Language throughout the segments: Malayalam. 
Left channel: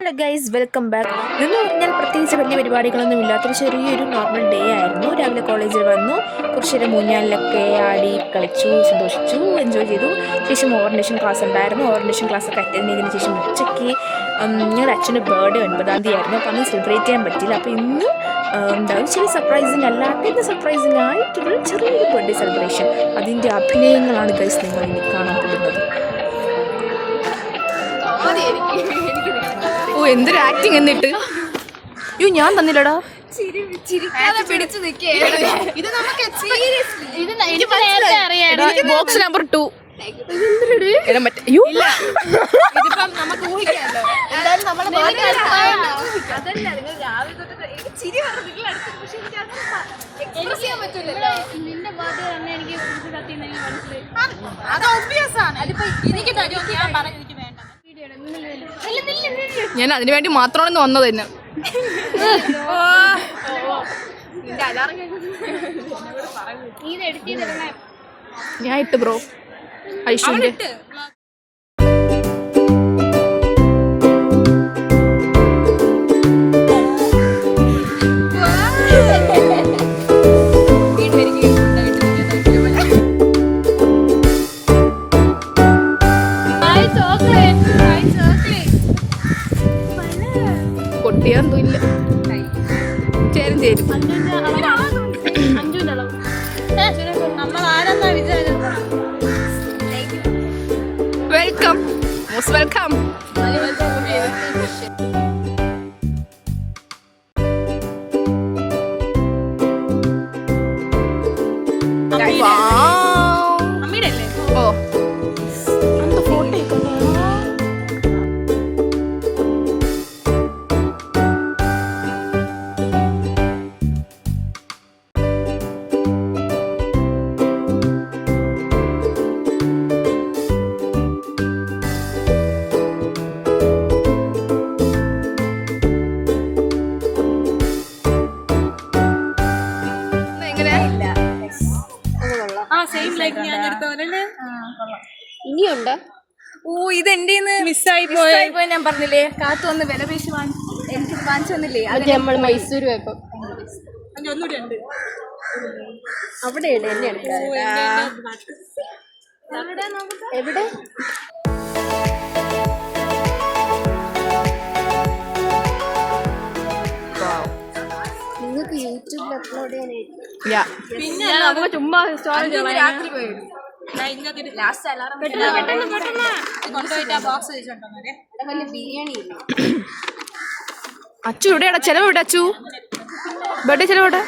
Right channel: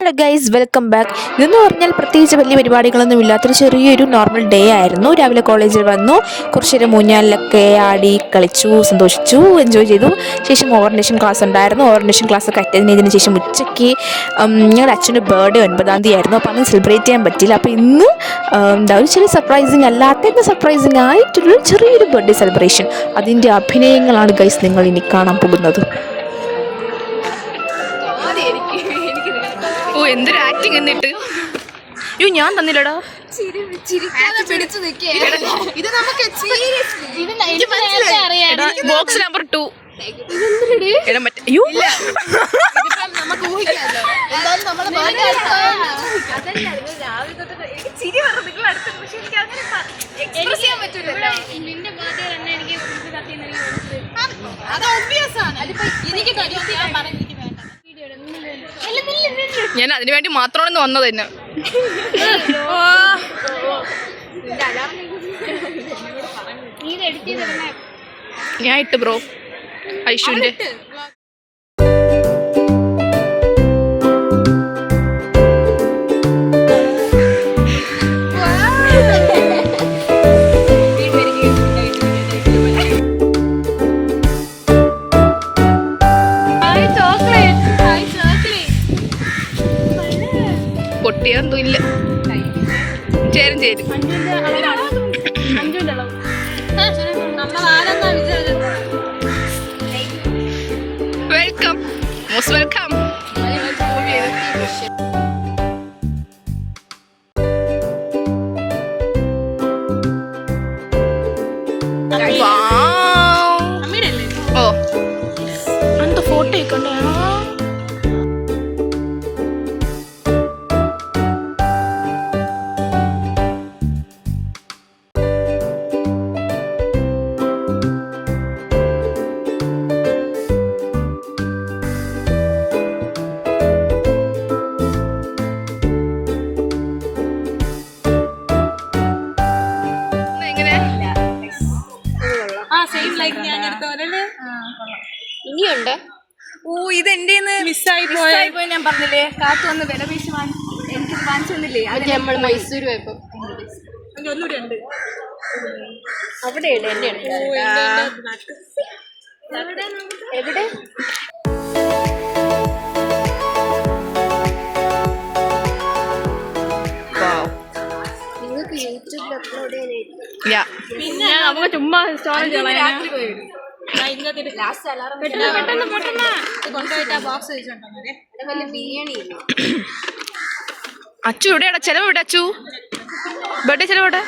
Hello guys, welcome back. ഇതെന്ന് പറഞ്ഞാൽ പ്രത്യേകിച്ച് വലിയ പരിപാടികളൊന്നും ഇല്ലാത്തൊരു ചെറിയൊരു നോർമൽ ഡേ ആയിരുന്നു. രാവിലെ കോളേജിൽ വന്നു, കുറച്ചേരം ഊഞ്ഞാലിലൊക്കെ ആടി കളിച്ചു, സന്തോഷിച്ചു, എൻജോയ് ചെയ്തു. ശേഷം ഓറിയന്റേഷൻ ക്ലാസ് ഉണ്ടായിരുന്നു. ഓറിയന്റേഷൻ ക്ലാസ് ഒക്കെ അറ്റൻഡ് ചെയ്തതിന് ശേഷം ഉച്ചയ്ക്ക് ഞങ്ങളുടെ അച്ഛൻ്റെ ബർത്ത്ഡേ 9-ാം തീയതി ആയിരുന്നു. അപ്പോൾ അന്ന് സെലിബ്രേറ്റ് ചെയ്യാൻ പറ്റില്ല. അപ്പോൾ ഇന്ന് ഒരു ചെറിയ സർപ്രൈസിങ് അല്ലാത്ത സർപ്രൈസിങ് ആയിട്ടുള്ള ചെറിയൊരു ബർത്ത്ഡേ സെലിബ്രേഷൻ, അതിൻ്റെ അഭിനയങ്ങളാണ് ഗൈസ് നിങ്ങൾ ഇനി കാണാൻ പോകുന്നത്. ഓ, എന്തൊരു ആക്ടിങ് എന്നിട്ട്. അയ്യോ, ഞാൻ തന്നില്ലടാ. Box number 2. ഞാൻ അതിനു വേണ്ടി മാത്രമാണ് വന്നത് തന്നെ. ഞാൻ ഇട്ട് ബ്രോ ഐഷുവിന്റെ പൊട്ടിയാന്തോ ഇല്ല. ചേരും ചേരും. Welcome, most welcome. ഓ, എന്താ ഫോട്ടോ ഒക്കെ ഇനിയുണ്ട്. ഓ, ഇത് എന്റെ മിസ്സായി പോയി. ഞാൻ പറഞ്ഞില്ലേ, കാത്തു വന്ന് വില പേശി എനിക്ക് വാങ്ങിച്ചു തന്നില്ലേ, അത് നമ്മൾ മൈസൂർ പോയപ്പോ. ഒന്നുകൂടി ഉണ്ട് അവിടെ. എന്റെ എവിടെ നിങ്ങൾക്ക് യൂട്യൂബിൽ അപ്ലോഡ് ചെയ്യാനായിട്ട്. പിന്നെ അങ്ങ് ചുമ്മാ രാത്രി പോയി അച്ചു എവിടെയാടാ? ചെലവ് എവിടെ അച്ചു? ബർത്ത്ഡേ ചെലവ് എവിടെ?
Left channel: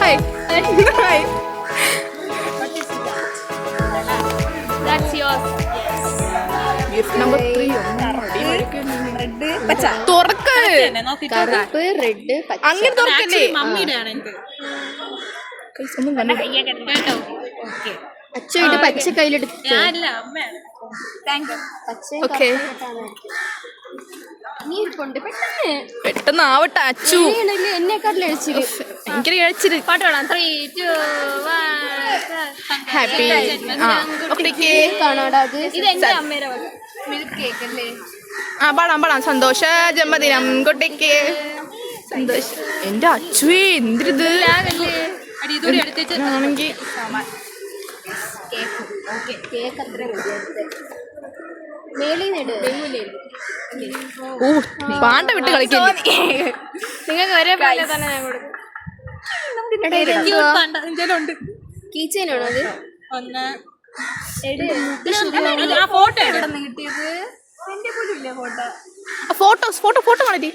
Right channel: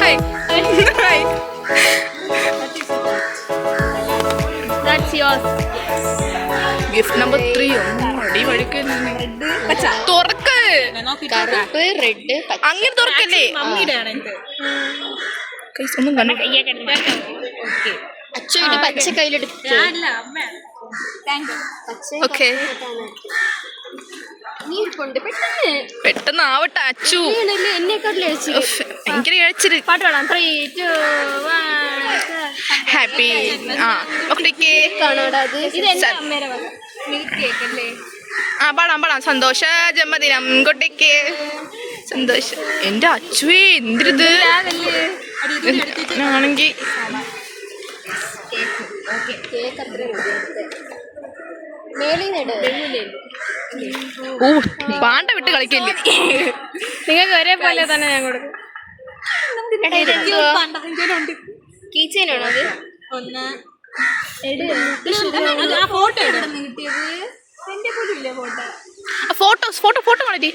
Hi hi. Gift number 3. അങ്ങനെ തുറക്കല്ലേ? ഒന്നും കണ്ടില്ല. അച്ഛ ഇത് പച്ച കയ്യിലെടുത്ത്. ഓക്കെ, പെട്ടെന്ന് ആവട്ടെ അച്ചു. ഭയങ്കര കഴിച്ചിട്ട് ഹാപ്പി. പാടാം. സന്തോഷ ജന്മദിനം കുട്ടിക്ക്. സന്തോഷം. എന്റെ അച്ചുവേ, എന്തിരിത് ആണെങ്കിൽ. ഓ, പാണ്ട വിട്ട് കളിക്കല്ലേ. നിങ്ങൾക്ക് ഒരേ പോലെ തന്നെ ഞാൻ കൊടുക്കും. കീച്ചേനാണോ അത്? ഫോട്ടോ കാണിട്ടി.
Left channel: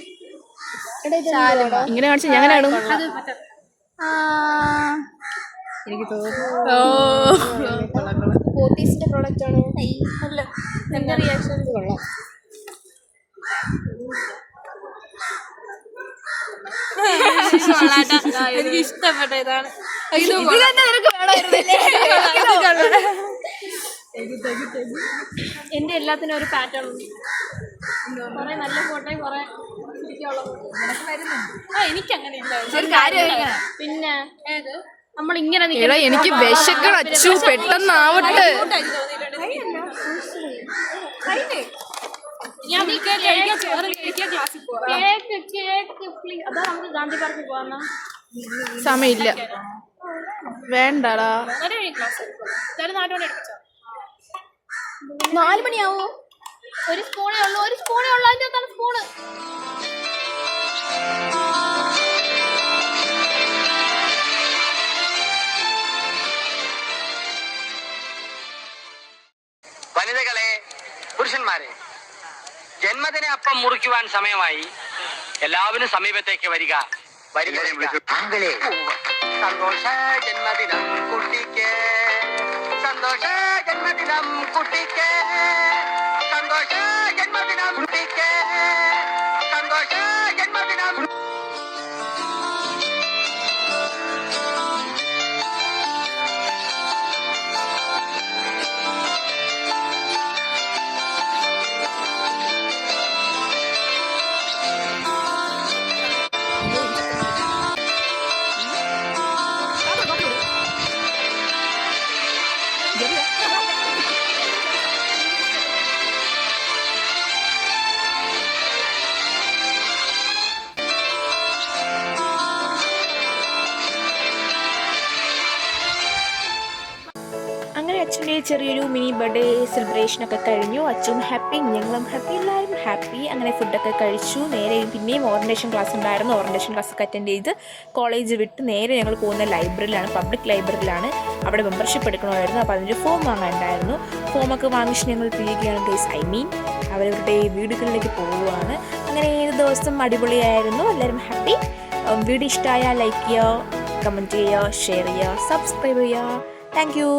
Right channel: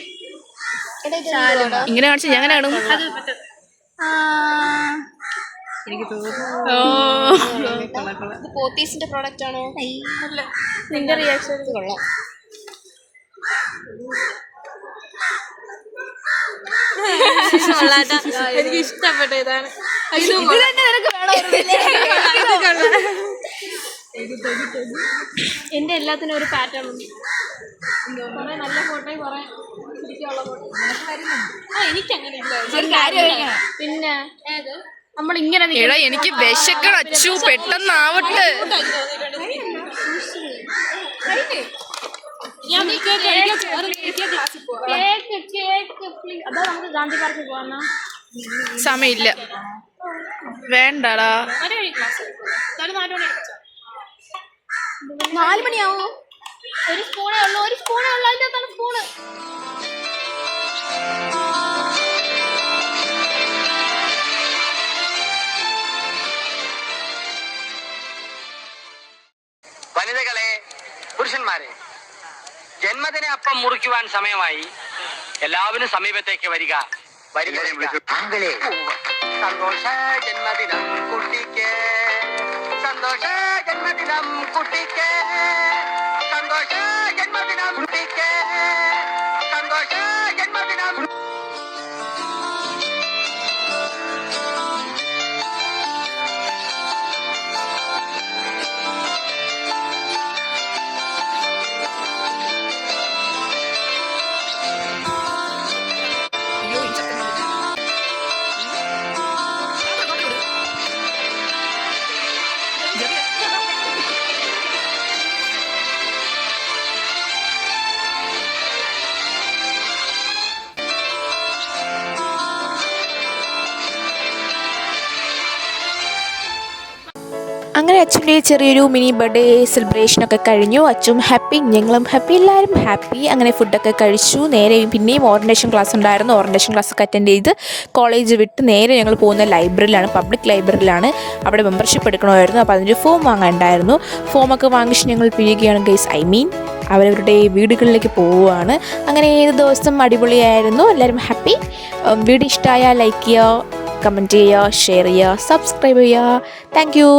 ഇങ്ങനെ കാണിച്ചു ഞാൻ കാണും. എനിക്ക് പോത്തീസിന്റെ പ്രോഡക്റ്റ് ആണോ? നിന്റെ റിയാക്ഷൻ കൊള്ളാം. എനിക്ക് ഇഷ്ടപ്പെട്ട ഇതാണ്. എന്റെ എല്ലാത്തിനും ഒരു പാറ്റേൺ ഉണ്ട്. നല്ല ഫോട്ടോ കുറെ എനിക്ക് അങ്ങനെ ഇല്ല. പിന്നെ നമ്മൾ ഇങ്ങനെ എടാ എനിക്ക് വിശക്കണം അച്ചു, പെട്ടെന്നാവട്ടെ. സമയമില്ല, വേണ്ടടാ. 4 മണിയാവോ? ഒരു സ്പൂണേ ഉള്ളൂ അതിന്റെ സ്പൂണ്. വനിതകളെ, പുരുഷന്മാരെ, ജന്മദിന അപ്പം മുറിക്കുവാൻ സമയമായി. എല്ലാവരും സമീപത്തേക്ക് വരിക. സന്തോഷ ജന്മദിനം കുട്ടിക്ക്, സന്തോഷ ജന്മദിനം കുട്ടിക്ക്, സന്തോഷ ജന്മദിനം കുട്ടിക്ക്, സന്തോഷ ജന്മദിനം. അങ്ങനെ അച്ഛൻ്റെ ചെറിയൊരു മിനി ബർത്ത്ഡേ സെലിബ്രേഷനൊക്കെ കഴിഞ്ഞു. അച്ഛനും ഹാപ്പി, ഞങ്ങളും ഹാപ്പി, എല്ലാവരും ഹാപ്പി. അങ്ങനെ ഫുഡൊക്കെ കഴിച്ചു. നേരെ പിന്നെയും ഓറിയൻറ്റേഷൻ ക്ലാസ് ഉണ്ടായിരുന്നു. ഓറിയൻറ്റേഷൻ ക്ലാസ്സൊക്കെ അറ്റൻഡ് ചെയ്ത് കോളേജ് വിട്ട് നേരെ ഞങ്ങൾ പോകുന്ന ലൈബ്രറിയിലാണ്, പബ്ലിക് ലൈബ്രറിയിലാണ്. അവിടെ മെമ്പർഷിപ്പ് എടുക്കണമായിരുന്നു. അപ്പോൾ അതിൻ്റെ ഫോം വാങ്ങാനുണ്ടായിരുന്നു. ഫോമൊക്കെ വാങ്ങിച്ച് ഞങ്ങൾ പിരിയുകയാണ് ഗൈസ്. അവരവരുടെ വീടുകളിലേക്ക് പോവുകയാണ്. അങ്ങനെ ഏത് ദിവസം അടിപൊളിയായിരുന്നു. എല്ലാവരും ഹാപ്പി. വീഡിയോ ഇഷ്ടമായാൽ ലൈക്ക് ചെയ്യുക, കമൻറ്റ് ചെയ്യുക, ഷെയർ ചെയ്യുക, സബ്സ്ക്രൈബ് ചെയ്യുക. Thank you.